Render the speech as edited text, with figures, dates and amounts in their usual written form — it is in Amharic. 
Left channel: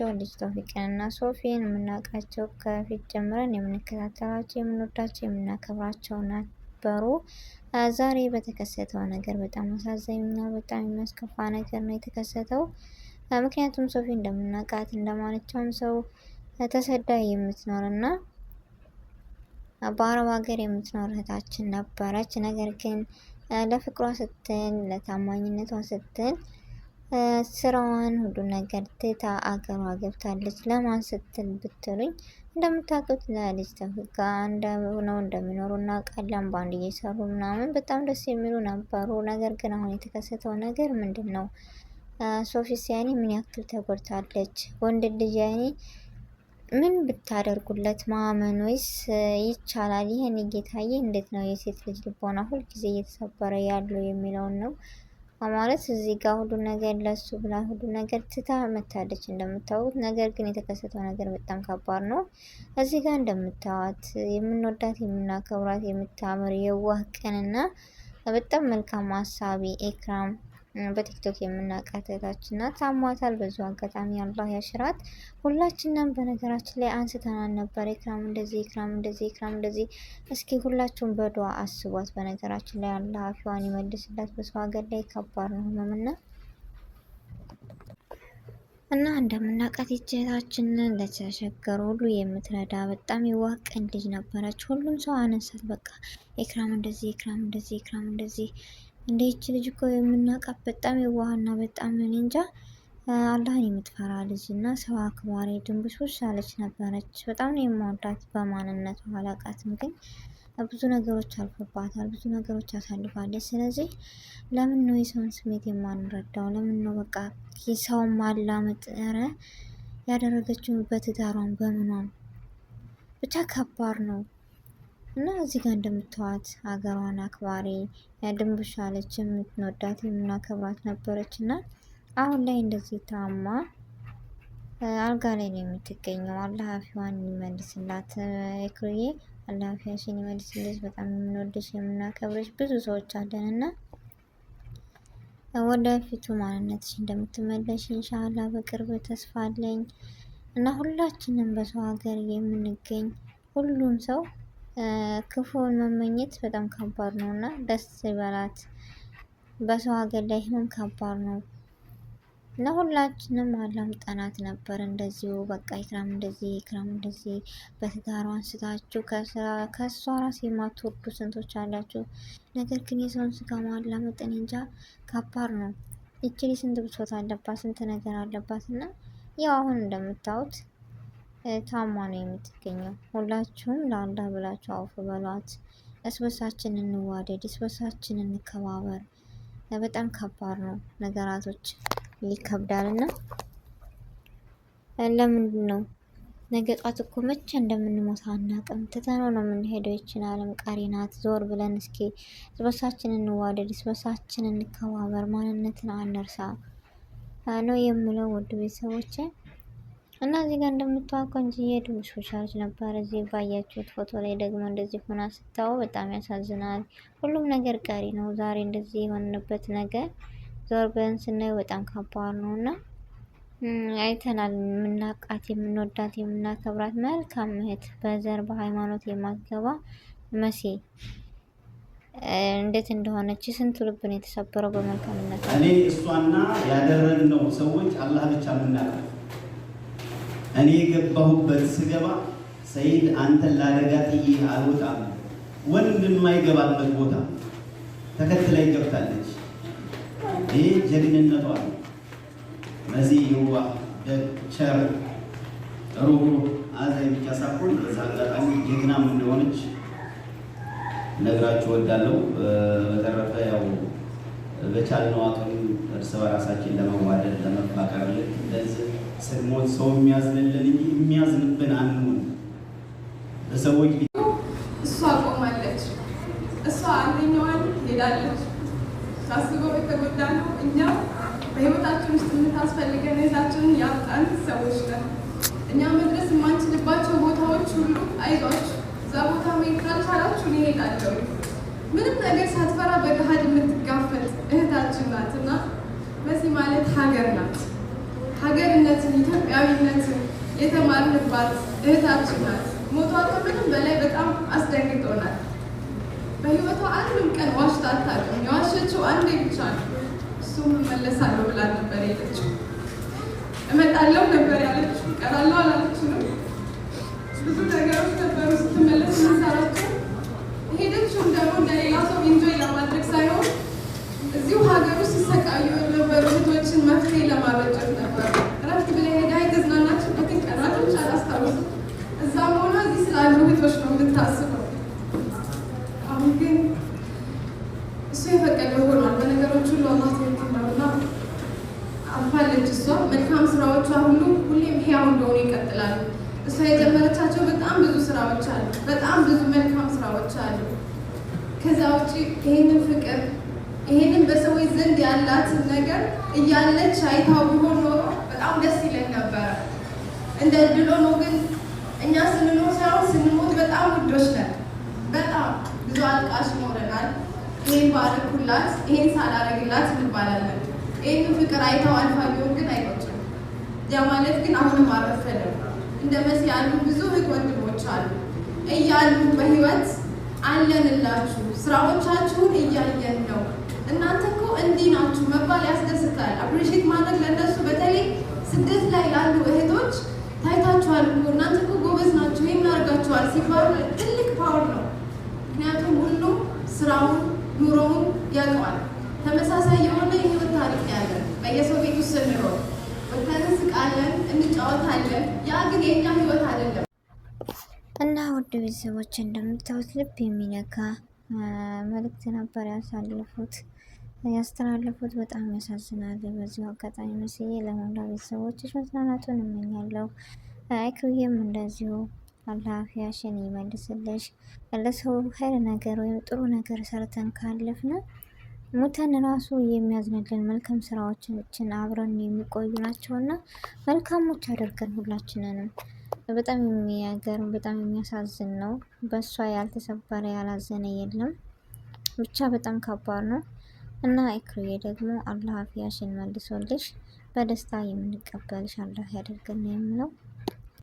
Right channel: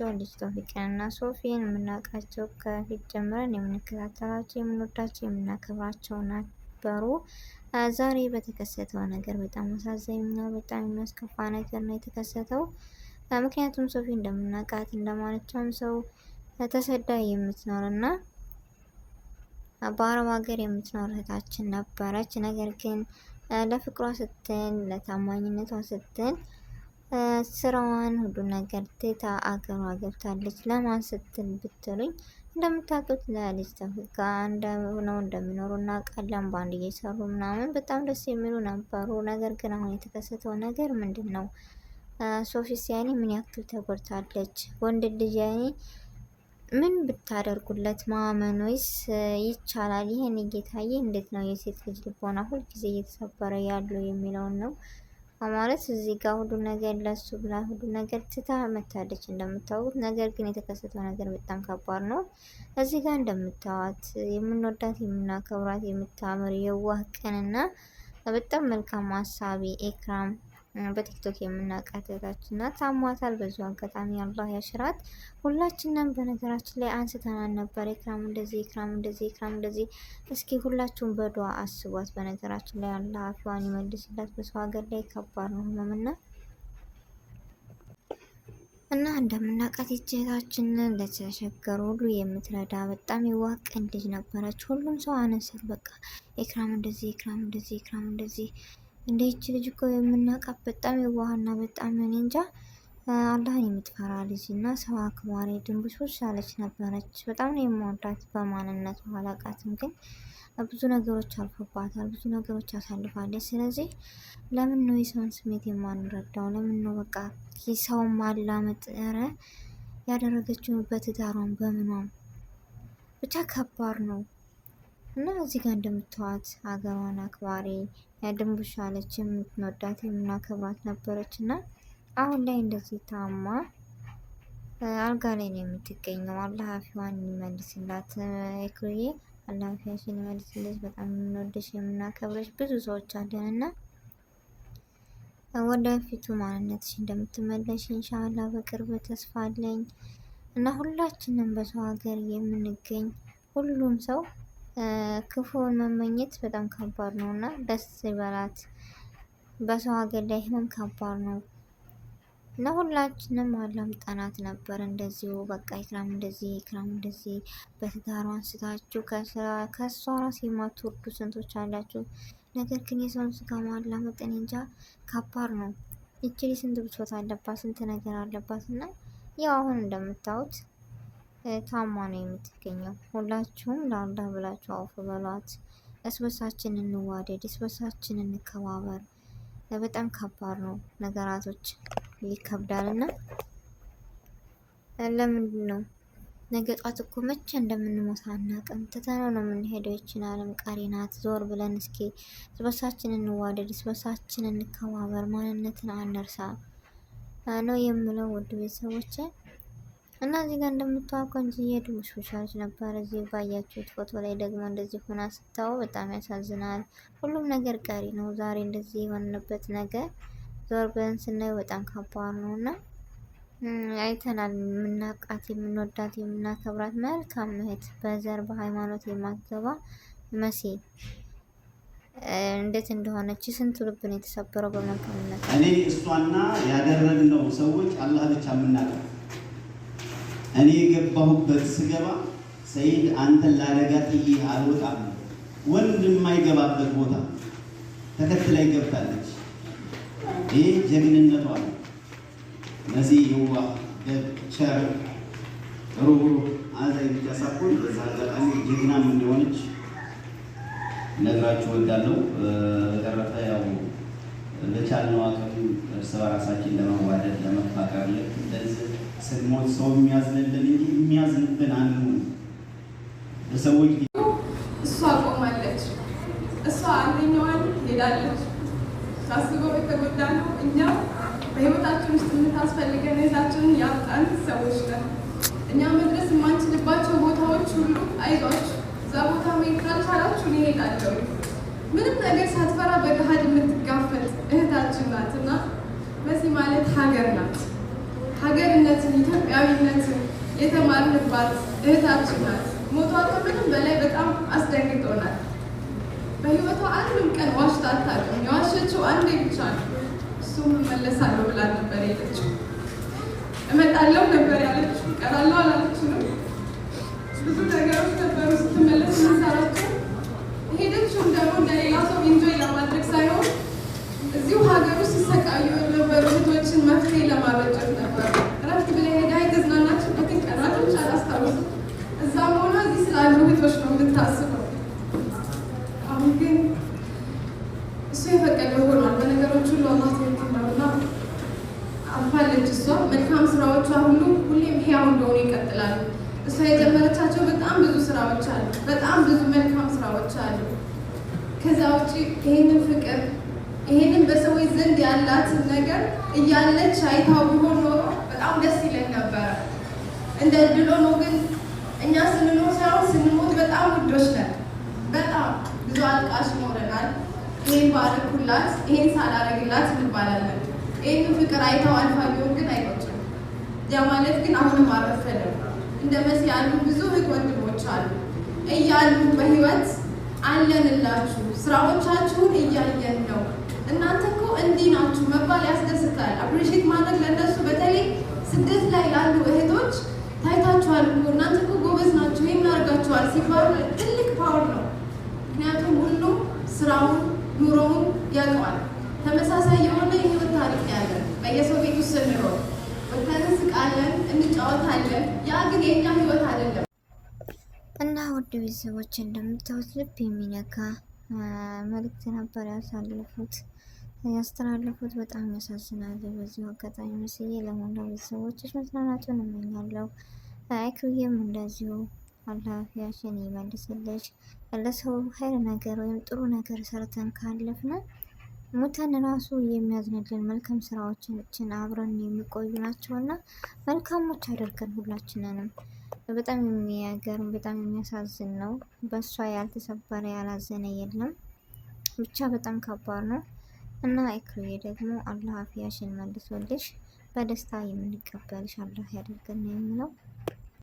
የምናውቃቸው ልጅ ቶፊቅንና ሶፊን የምናውቃቸው ከፊት ጀምረን የምንከታተላቸው የምንወዳቸው የምናከብራቸው ነበሩ። ዛሬ በተከሰተው ነገር በጣም አሳዛኝና በጣም የሚያስከፋ ነገር ነው የተከሰተው። ምክንያቱም ሶፊ እንደምናውቃት እንደማንኛውም ሰው ተሰዳ የምትኖርና በአረብ ሀገር የምትኖር እህታችን ነበረች። ነገር ግን ለፍቅሯ ስትል ለታማኝነቷ ስትል ስራዋን ሁሉ ነገር ትታ አገሯ ገብታለች። ለማን ስትል ብትሉኝ እንደምታውቁት ለልጅ ቶፊቅ ነው እንደሚኖሩ እናውቃለን። ባንድ እየሰሩ ምናምን በጣም ደስ የሚሉ ነበሩ። ነገር ግን አሁን የተከሰተው ነገር ምንድን ነው? ሶፊስ ያኔ ምን ያክል ተጎድታለች? ወንድ ልጅ ያኔ ምን ብታደርጉለት ማመን ወይስ ይቻላል? ይሄን ጌታዬ እንዴት ነው የሴት ልጅ ልቦና ሁልጊዜ እየተሰበረ ያለው የሚለውን ነው ማለት። እዚህ ጋር ሁሉ ነገር ለሱ ብላ ሁሉ ነገር ትታ መታለች እንደምታውቁት። ነገር ግን የተከሰተው ነገር በጣም ከባድ ነው። እዚህ ጋር እንደምታዋት የምንወዳት የምናከብራት የምታምር የዋህ ቀንና በጣም መልካም አሳቢ ኤክራም በቲክቶክ የምናውቃት እህታችን ናት። ታሟታል። በዙ አጋጣሚ አላህ ያሽራት። ሁላችንም በነገራችን ላይ አንስተናል ነበር። ኤክራም እንደዚህ ኤክራም እንደዚህ ኤክራም እንደዚህ። እስኪ ሁላችሁም በዱዓ አስቧት። በነገራችን ላይ አላህ አፊዋን ይመልስላት። በሰው ሀገር ላይ ከባድ ነው ህመምና እንደምናውቃት እህታችን ለተቸገሩ ሁሉ የምትረዳ በጣም የዋህ ቀን ልጅ ነበረች። ሁሉም ሰው አነሳት። በቃ ኤክራም እንደዚህ ኤክራም እንደዚህ ኤክራም እንደዚህ እንደ ይቺ ልጅ እኮ የምናውቃት በጣም የዋህና በጣም እኔ እንጃ አላህን የምትፈራ ልጅ እና ሰው አክባሪ ድንቡሽቡሽ ያለች ነበረች። በጣም ነው የምወዳት። በማንነቱ አላውቃትም፣ ግን ብዙ ነገሮች አልፎባታል፣ ብዙ ነገሮች አሳልፋለች። ስለዚህ ለምን ነው የሰውን ስሜት የማንረዳው? ለምን ነው በቃ የሰውን ማላመጥ ያደረገችው በትዳሯን በምኗም ብቻ ከባድ ነው። እና እዚህ ጋር እንደምትዋት ሀገሯን አክባሪ ድንቡሽ ያለች የምትወዳት የምናከብራት ነበረች እና አሁን ላይ እንደዚህ ታማ አልጋ ላይ ነው የምትገኘው። አላህ አፊዋን ይመልስላት። እክሩዬ አላህ አፊያሽን ይመልስልሽ። በጣም የምንወድሽ የምናከብርሽ ብዙ ሰዎች አለን እና ወደፊቱ ማንነትሽ እንደምትመለሽ ኢንሻአላህ በቅርብ ተስፋ አለኝ እና ሁላችንም በሰው ሀገር የምንገኝ ሁሉም ሰው ክፉን መመኘት በጣም ከባድ ነው እና ደስ ይበላት። በሰው ሀገር ላይ ህመም ከባድ ነው እና ሁላችንም አላምጠናት ነበር እንደዚሁ በቃ ኢክራም እንደዚህ ኢክራም እንደዚህ በትዳሯ አንስታችሁ ከሷ ራስ የማትወዱ ስንቶች አላችሁ። ነገር ግን የሰውን ስጋ ማላመጥ እንጃ ከባድ ነው። ይችሊ ስንት ብሶት አለባት፣ ስንት ነገር አለባት እና ያው አሁን እንደምታዩት ታማ ነው የምትገኘው። ሁላችሁም ለአላህ ብላችሁ አውፍ በሏት። እስበሳችን እንዋደድ፣ እስበሳችን እንከባበር። በጣም ከባድ ነው ነገራቶች ይከብዳልና ለምንድን ነው ነገ ጧት እኮ መቼ እንደምንሞት አናውቅም። ትተነው ነው የምንሄደው። ይችን ዓለም ቀሪ ናት። ዞር ብለን እስኪ እስበሳችን እንዋደድ፣ እስበሳችን እንከባበር፣ ማንነትን አንርሳ ነው የምለው ውድ ቤተሰቦቼ። እና እዚህ ጋር እንደምታውቀው እንጂ የድቡሽቡሻች ነበር። እዚህ ባያችሁት ፎቶ ላይ ደግሞ እንደዚህ ሆና ስታው በጣም ያሳዝናል። ሁሉም ነገር ቀሪ ነው። ዛሬ እንደዚህ የሆነበት ነገር ዞር ብለን ስናይ በጣም ከባድ ነው እና አይተናል። የምናውቃት የምንወዳት የምናከብራት መልካም እህት በዘር በሃይማኖት የማትገባ መሲ እንዴት እንደሆነች ስንት ልብ ነው የተሰበረው በመልካምነት። እኔ እሷና ያደረግነው ሰዎች አላህ ብቻ የምናውቀው። እኔ የገባሁበት ስገባ ሰይድ አንተን ላደጋ ጥዬ አልወጣም፣ ወንድ የማይገባበት ቦታ ተከትላይ ገብታለች። ይህ ጀግንነቷ ነው። በዚህ የዋህ ቸር ሩህሩህ አዛኝ ብቻ ሳይሆን በዛ አጋጣሚ ጀግናም እንደሆነች ነግራችሁ እወዳለሁ። በተረፈ ያው በቻልነው አቅም እርስ በራሳችን ለመዋደድ ለመፋቀር ልክ እንደዚህ ስንሞት ሰው የሚያዝንልን እንጂ የሚያዝንብን አንሁን። በሰዎች እሷ ቆማለች፣ እሷ አንደኛዋን ሄዳለች። ታስበው የተጎዳ ነው። እኛ በህይወታችን ውስጥ የምታስፈልገን እህታችንን ያጣን ሰዎች ነን። እኛ መድረስ የማንችልባቸው ቦታዎች ሁሉ አይዟችሁ፣ እዛ ቦታ መሄድ ካልቻላችሁ እኔ እሄዳለሁ። ምንም ነገር ሳትፈራ በገሃድ የምትጋፈጥ እህታችን ናት እና በዚህ ማለት ሀገር ናት። ሀገርነትን ኢትዮጵያዊነት የተማርንባት እህታችን ናት። ሞቷ ከምንም በላይ በጣም አስደንግጦናል። በህይወቷ አንድም ቀን ዋሽታ አታውቅም። የዋሸችው አንዴ ብቻ ነው። እሱም እመለሳለሁ ብላ ነበር የሄደችው። እመጣለሁ ነበር ያለችው፣ እቀራለሁ አላለችንም። ብዙ ነገሮች ነበሩ ስትመለስ የምንሰራቸው። ሄደችውም ደግሞ እንደሌላ ሰው ኢንጆይ ለማድረግ ሳይሆን እዚሁ ሀገር ውስጥ ሲሰቃዩ የነበሩ እህቶችን መፍትሄ ለማበጀት ነበር። እረፍት ብላ ሄዳ የተዝናናችበትን ቀናቶች አላስታውስም። እዛም ሆና እዚህ ስላሉ እህቶች ነው የምታስበው። አሁን ግን እሱ የፈቀደው ሆኗል። በነገሮች ሁሉ አላህ ትክክል ነውና አልፋለች። እሷ መልካም ስራዎቿ ሁሉ ሁሌም ሕያው እንደሆኑ ይቀጥላሉ። እሷ የጀመረቻቸው በጣም ብዙ ስራዎች አሉ፣ በጣም ብዙ መልካም ስራዎች አሉ። ከዛ ውጭ ይህንን ፍቅር ይህንን በሰዎች ዘንድ ያላትን ነገር እያለች አይታው ቢሆን ኖሮ በጣም ደስ ይለን ነበረ። እንደ ድሎ ነው ግን እኛ ስንኖር ሳይሆን ስንሞት በጣም ውዶች ነን። በጣም ብዙ አልቃሽ ይኖረናል። ይህን ባረኩላት፣ ይህን ሳላረግላት እንባላለን። ይህንን ፍቅር አይታው አልፋ ቢሆን ግን አይቆጭም። ያ ማለት ግን አሁንም አረፈለም። እንደ መሲ ያሉ ብዙ እህት ወንድሞች አሉ እያሉ በህይወት አለንላችሁ፣ ስራዎቻችሁን እያየን ነው፣ እናንተ እኮ እንዲህ ናችሁ መባል ያስደስታል። አፕሪሼት ማድረግ ለእነሱ በተለይ ስደት ላይ ላሉ እህቶች ታይታችኋል እኮ እናንተ እኮ ጎበዝ ናችሁ፣ ይህን አድርጋችኋል ሲባሉ ትልቅ ፓወር ነው። ምክንያቱም ሁሉም ስራውን ኑሮውን ያውቀዋል። ተመሳሳይ የሆነ የህይወት ታሪክ ያለን በየሰው ቤት ውስጥ ስንኖር ወጥተን እንስቃለን፣ እንጫወታለን። ያ ግን የኛ ህይወት አይደለም። እና ውድ ቤተሰቦች እንደምታዩት ልብ የሚነካ መልእክት ነበር ያስተላለፉት። በጣም ያሳዝናል። በዚሁ አጋጣሚ መስዬ ለሞላ ቤተሰቦችሽ መጽናናቱን እመኛለሁ። አይክሩዬም እንደዚሁ አላህ አፊያሽን ይመልስልሽ። ለሰው ኸይር ነገር ወይም ጥሩ ነገር ሰርተን ካለፍን ሙተን ራሱ የሚያዝንልን መልካም ስራዎችን አብረን የሚቆዩ ናቸውና መልካሞች አድርገን ሁላችንንም። በጣም የሚያገርም በጣም የሚያሳዝን ነው። በእሷ ያልተሰበረ ያላዘነ የለም። ብቻ በጣም ከባድ ነው እና ኢክሩዬ ደግሞ አላህ አፊያሽን መልሶልሽ በደስታ የምንቀበልሽ አላህ ያደርገን ነው የምለው።